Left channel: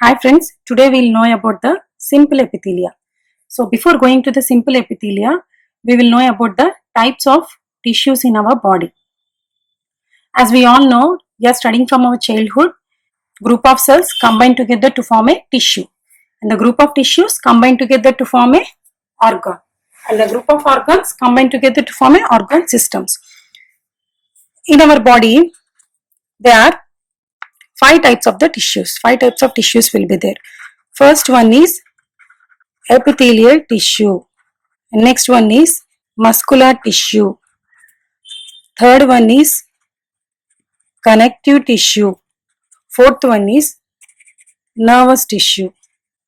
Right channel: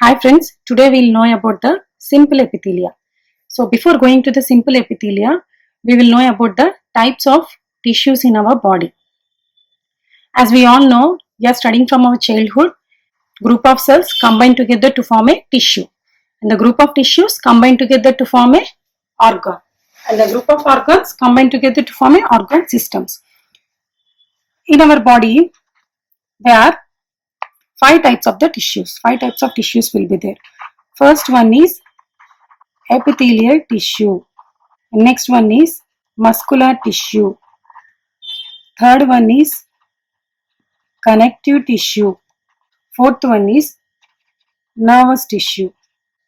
Hi friends, today we will know about the simple epithelia. So before going to the simple epithelia, we will know about the types of tissues in our body. As we all know, we are studying from our childhood, group of cells combine together to form a tissue. And the group of tissues combine together to form a organ. And the group of organs combine together to form a organ systems. In our body, there are 5 types of the tissues. 5 types of tissues will be there. First one is epithelial tissue. Next one is muscular tissue. Third one is connective tissue. Fourth one is nervous tissue.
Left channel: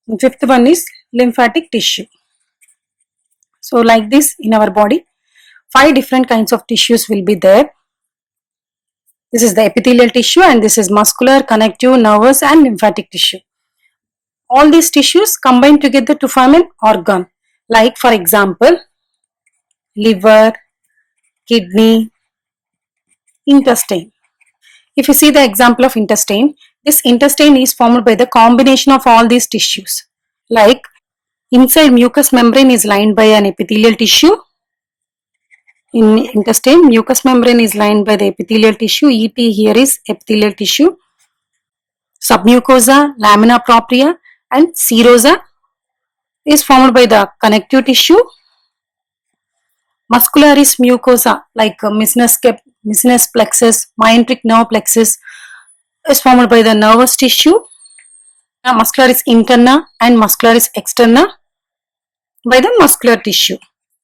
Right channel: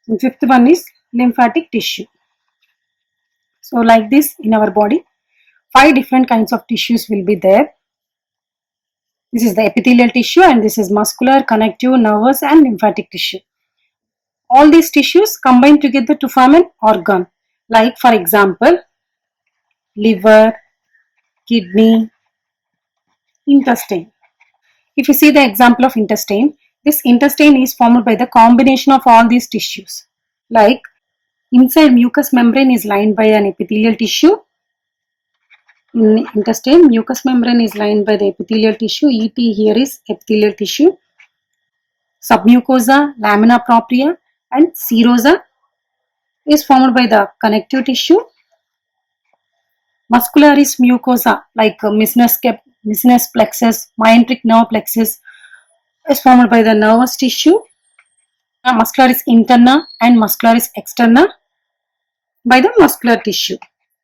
And fifth one is lymphatic tissue. So like this in our body, 5 different kinds of tissues will be there. This is the epithelial tissue and this is muscular, connective, nervous and lymphatic tissue. All these tissues combine together to form an organ. Like for example, liver, kidney, intestine. If you see the example of intestine, this intestine is formed by the combination of all these tissues. Like inside mucous membrane is lined by an epithelial tissue. In intestine, mucous membrane is lined by the epithelial tissue. ET here is epithelial tissue. Submucosa, lamina propria and serosa is formed by the connective tissue. Muscularis mucosa like Meniscus plexus, myenteric nerve plexus is formed by the nervous tissue. Muscularis interna and muscularis externa by the muscular tissue.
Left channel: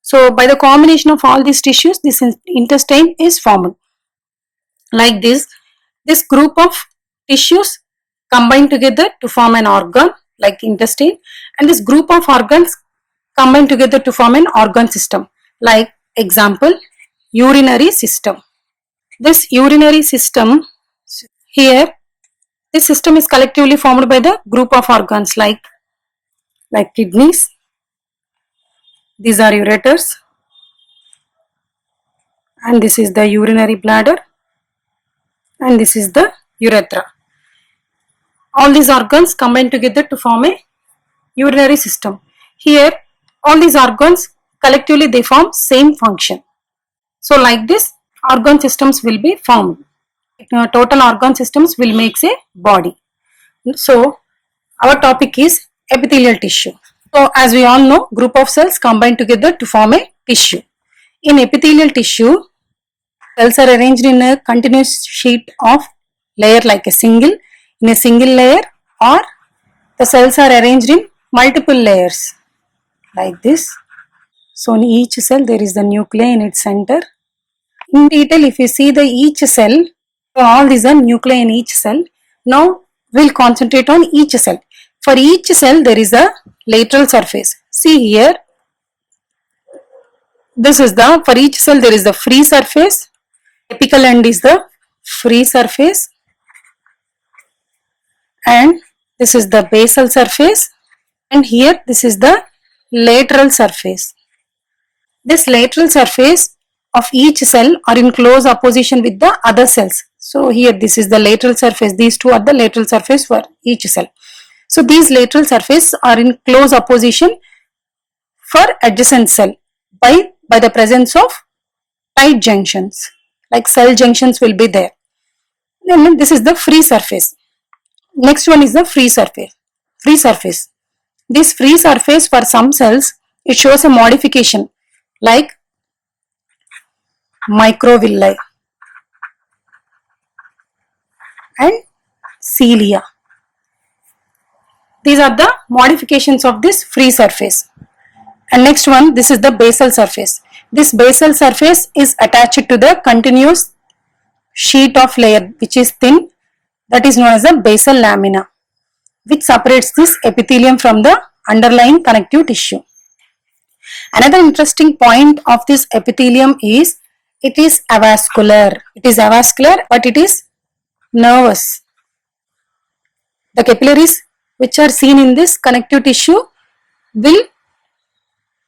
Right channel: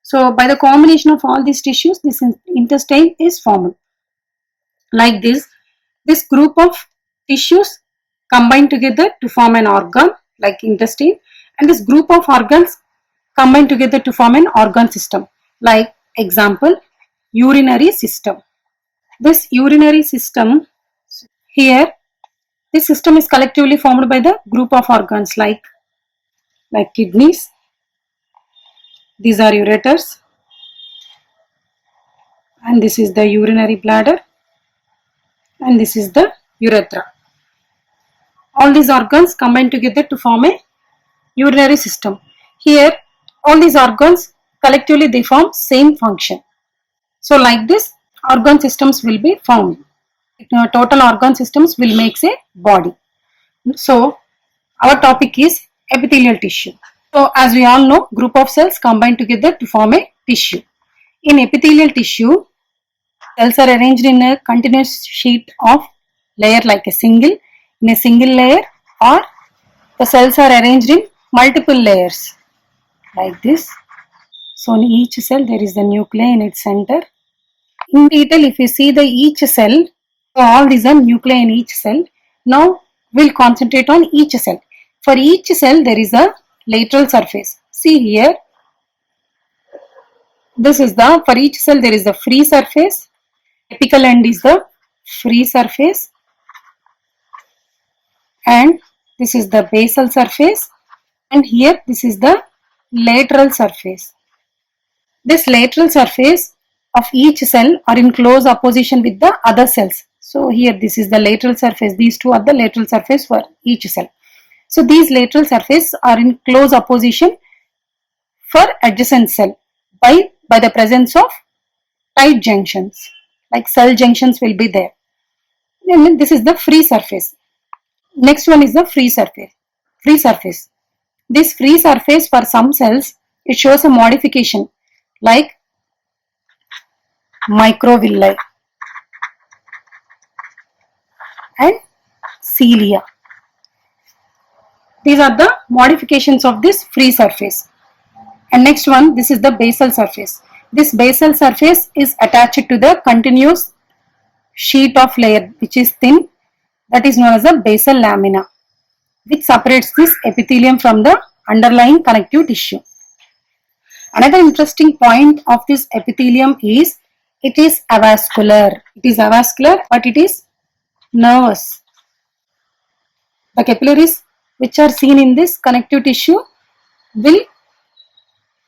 So by the combination of all these tissues, this intestine is formed. Like this group of tissues combine together to form an organ like intestine, and this group of organs combine together to form an organ system. Like example, urinary system. This urinary system here, this system is collectively formed by the group of organs like kidneys. These are ureters and this is the urinary bladder and this is the urethra. All these organs combine together to form a urinary system. Here all these organs collectively they form same function. So like this organ systems will be formed. Total organ systems will make a body. So our topic is epithelial tissue. So as we all know, group of cells combine together to form a tissue. In epithelial tissue, cells are arranged in a continuous sheet of layer like a single layer, or the cells are arranged in multiple layers like this. So in each cell there is the nuclei in its center. In detail, if you see the each cell, so all these are nuclei in each cell. Now we'll concentrate on each cell. For each cell there is a lateral surface. See here, this is the, for each cell there is the free surface. Apical end is the free surface and this is the basal surface, and here this is the lateral surface. This lateral surface of each cell are in close opposition with the other cells. So here this is the lateral surface, these two are the lateral surface for each cell. So these lateral surface are in close opposition for adjacent cell by the presence of tight junctions, like cell junctions will be there. Then this is the free surface. Next one is the free surface. This free surface for some cells, it shows a modification like microvilli and cilia. These are the modifications of this free surface. And next one, this is the basal surface. This basal surface is attached to the continuous sheet of layer which is thin, that is known as the basal lamina, which separates this epithelium from the underlying connective tissue. Another interesting point of this epithelium is it is avascular. It is avascular, but it is nervous. The capillaries which are seen in this connective tissue will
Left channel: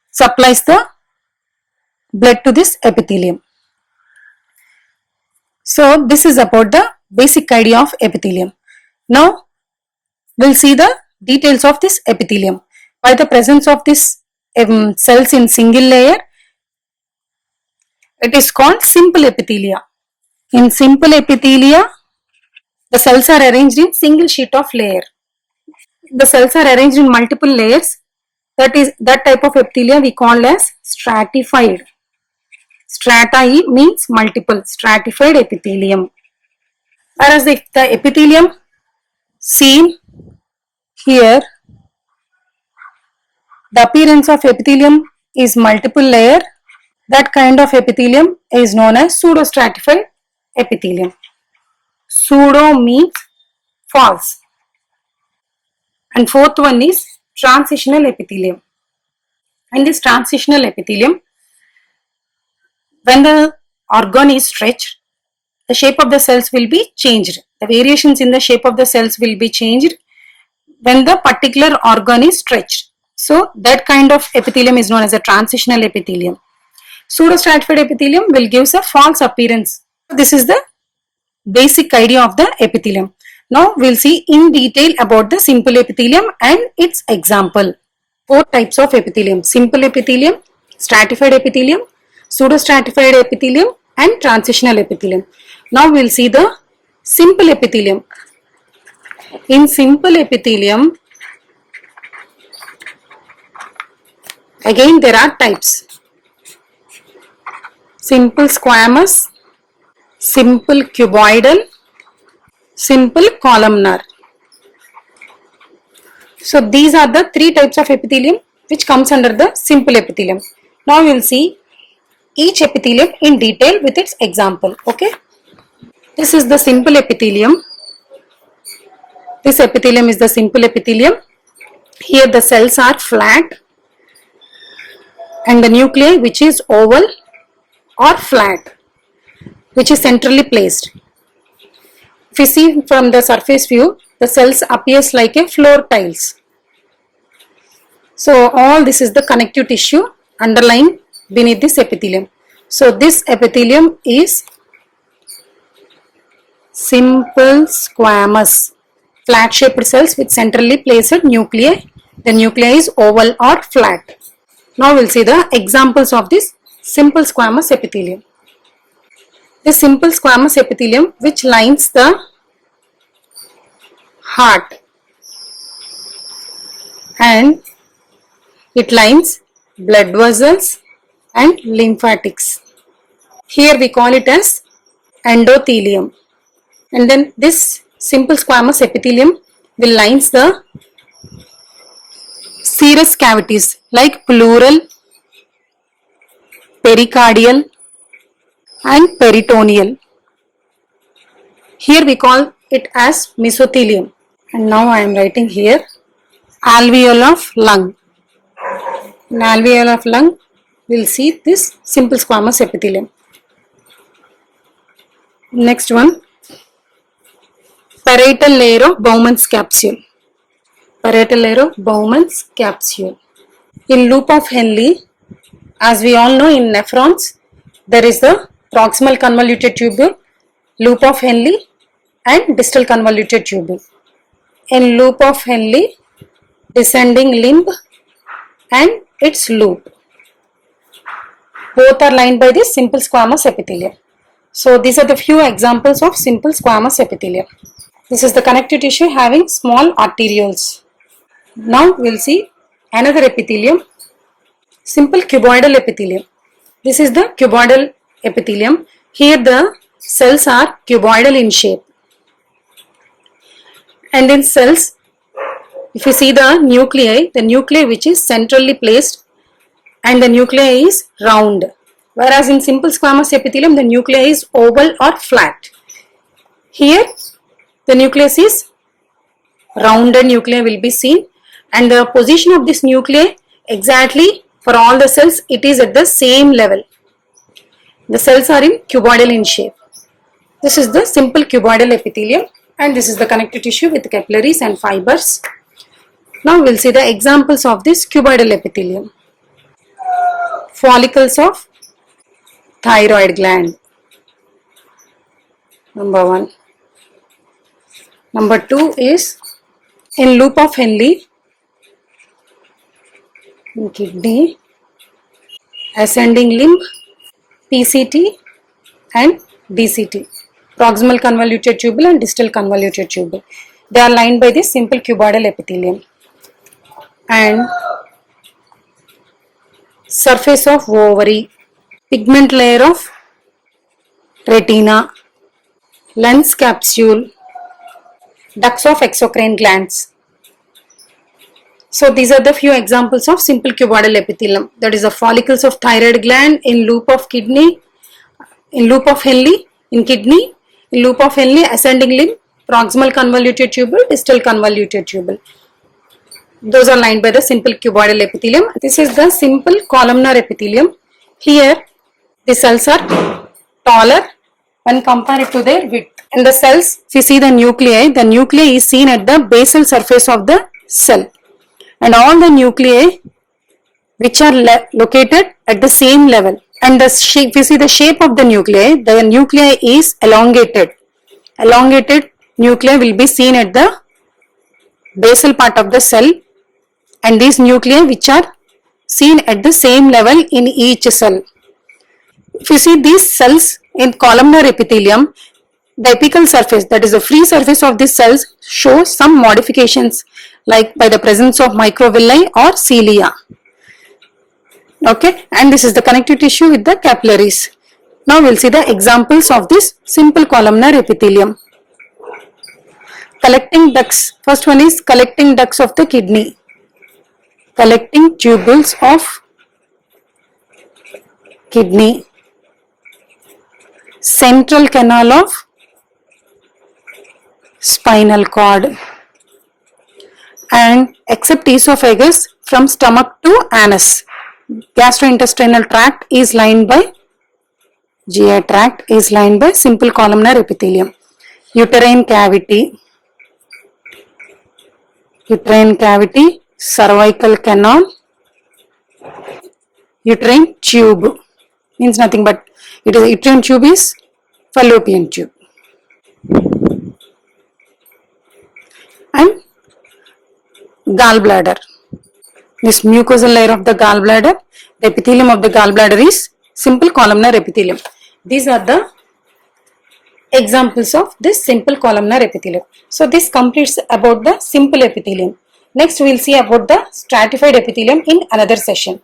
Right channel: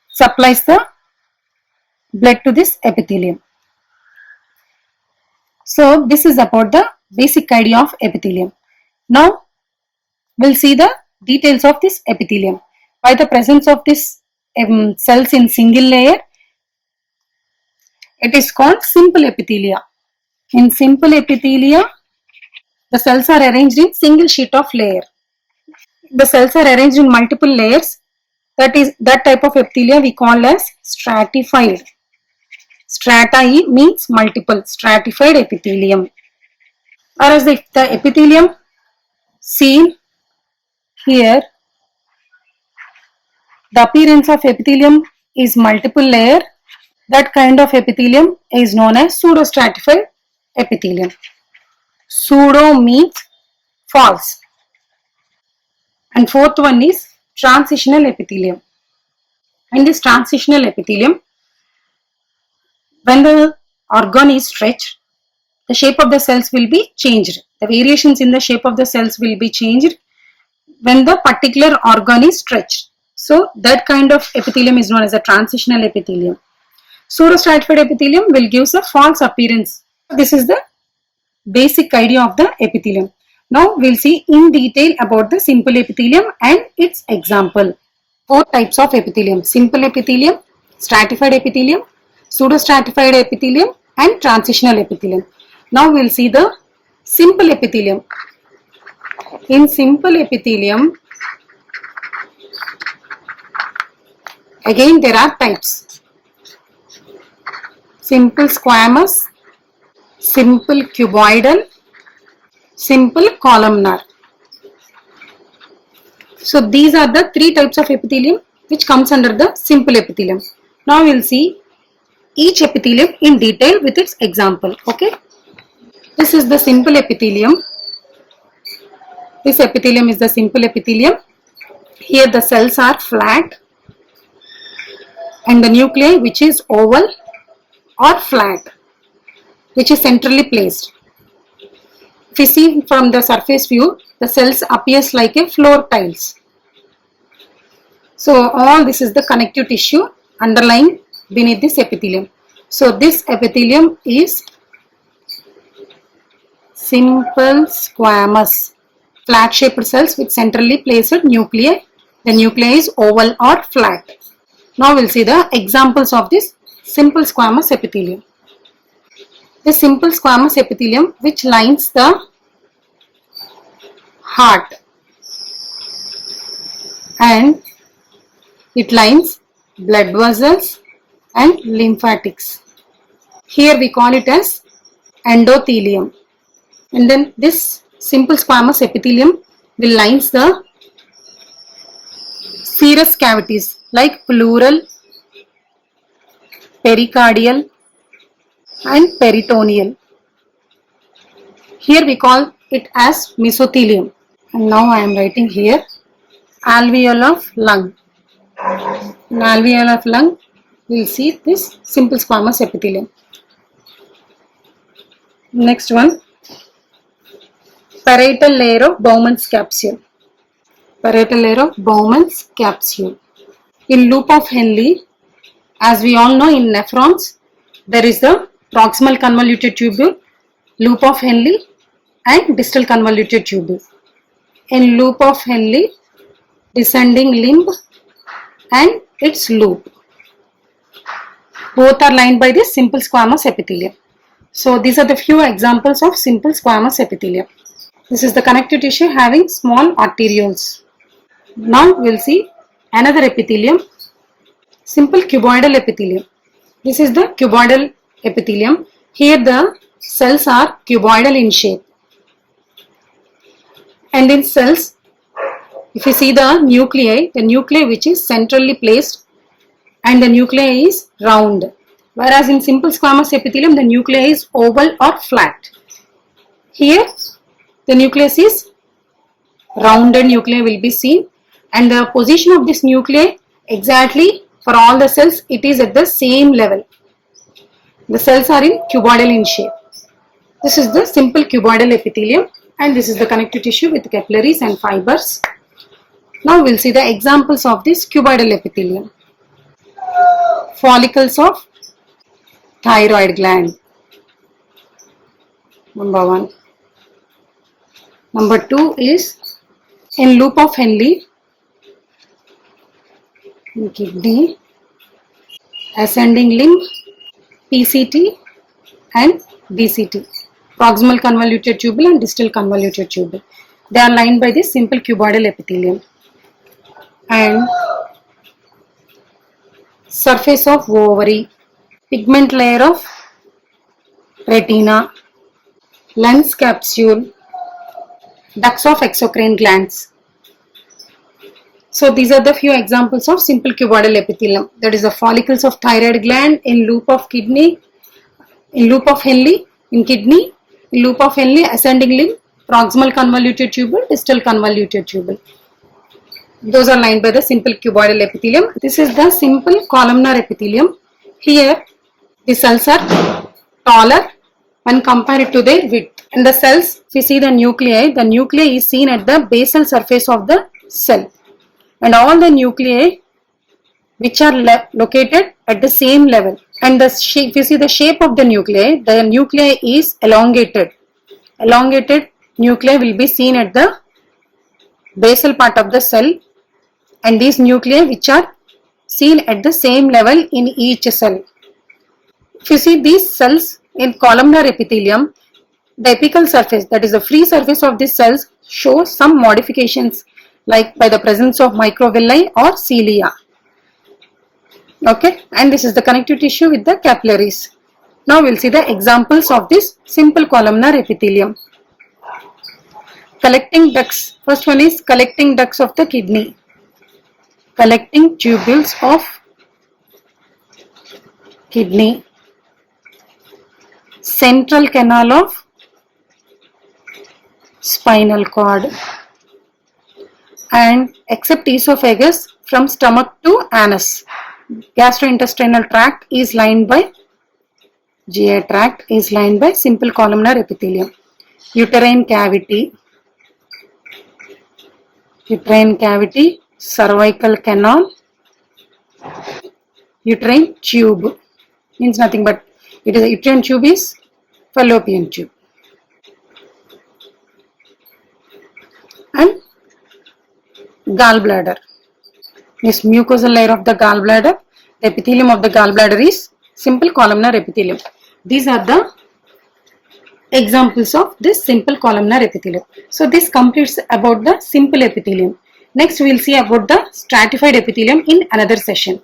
supplies the blood to this epithelium. So this is about the basic idea of epithelium. Now we'll see the details of this epithelium. By the presence of this cells in single layer, it is called simple epithelia. In simple epithelia, the cells are arranged in single sheet of layer. The cells are arranged in multiple layers. That type of epithelia we call as stratified. Strata means multiple, stratified epithelium. Whereas if the epithelium seen here, the appearance of epithelium is multiple layer. That kind of epithelium is known as pseudostratified epithelium. Pseudo means false. And fourth one is transitional epithelium. In this transitional epithelium, when the organ is stretched, the shape of the cells will be changed. The variations in the shape of the cells will be changed when the particular organ is stretched. So that kind of epithelium is known as a transitional epithelium. Pseudostratified epithelium will give a false appearance. This is the basic idea of the epithelium. Now we'll see in detail about the simple epithelium and its example. Four types of epithelium: simple epithelium, stratified epithelium, pseudostratified epithelium and transitional epithelium. Now we'll see the simple epithelium. In simple epithelium, again there are types: simple squamous, simple cuboidal, simple columnar. So these are the three types of epithelium which comes under the simple epithelium. Now we will see each epithelium in detail with its example. Okay. This is the simple epithelium. This epithelium is the simple epithelium. Here the cells are flat and the nuclei which is oval or flat, which is centrally placed. If you see from the surface view, the cells appears like a floor tiles. So all this is the connective tissue underlying beneath this epithelium. So this epithelium is simple squamous, flat shaped cells with centrally placed nuclei. The nuclei is oval or flat. Now we'll see the examples of this simple squamous epithelium. The simple squamous epithelium which lines the heart and it lines blood vessels and lymphatics. Here we call it as endothelium. And then this simple squamous epithelium will lines the serous cavities like pleural, pericardial and peritoneal. Here we call it as mesothelium. And now I am writing here alveoli of lung. In alveoli of lung, we will see this simple squamous epithelium. Next one, parietal layer of Bowman's capsule. Parietal layer of Bowman's capsule. In loop of Henle, as we all know in nephrons, there is the proximal convoluted tubule, loop of Henle and distal convoluted tubule. In loop of Henle, descending limb and its loop. Both are lined by this simple squamous epithelium. So these are the few examples of simple squamous epithelium. This is the connective tissue having small arterioles. Now we will see another epithelium, simple cuboidal epithelium. This is the cuboidal epithelium. Here the cells are cuboidal in shape. And in cells, if you see the nuclei which is centrally placed and the nuclei is round. Whereas in simple squamous epithelium, the nuclei is oval or flat. Here, the nucleus is rounded nuclei will be seen and the position of this nuclei exactly for all the cells, it is at the same level. The cells are in cuboidal in shape. This is the simple cuboidal epithelium and this is the connective tissue with capillaries and fibers. Now we will see the examples of this cuboidal epithelium. Follicles of thyroid gland. Number 1. Number 2 is in loop of Henle, in kidney, ascending limb, PCT and DCT, proximal convoluted tubule and distal convoluted tubule. They are lined by this simple cuboidal epithelium. And surface of ovary, pigment layer of retina, lens capsule, ducts of exocrine glands. So these are the few examples of simple cuboidal epithelium. That is the follicles of thyroid gland in loop of kidney, in loop of Henle, in kidney, in loop of Henle, ascending limb, proximal convoluted tubule, distal convoluted tubule. Those are lined by the simple cuboidal epithelium. This is the simple columnar epithelium. Here the cells are taller when compared to their width. In the cells, if you see the nuclei is seen at the basal surface of the cell. And all the nuclei which are located at the same level. And the shape, if you see the shape of the nuclei is elongated. Elongated nuclei will be seen at the basal part of the cell, and these nuclei which are seen at the same level in each cell. If you see these cells in columnar epithelium, the apical surface, that is the free surface of these cells, shows some modifications like by the presence of microvilli or cilia. Okay, and this is the connective tissue with the capillaries. Now we will see the examples of this simple columnar epithelium. Collecting ducts. First one is collecting ducts of the kidney. Collecting tubules of kidney. Central canal of spinal cord. And except esophagus, from stomach to anus. Gastrointestinal tract is lined by GI tract is lined by simple columnar epithelium. Uterine cavity, cervical canal, uterine tube, means nothing but it is uterine tube is fallopian tube. And gallbladder, this mucosal layer of the gallbladder, the epithelium of the gallbladder is simple columnar epithelium. These are the examples of this simple columnar epithelium. So this completes about the simple epithelium. Next we will see about the stratified epithelium in another session.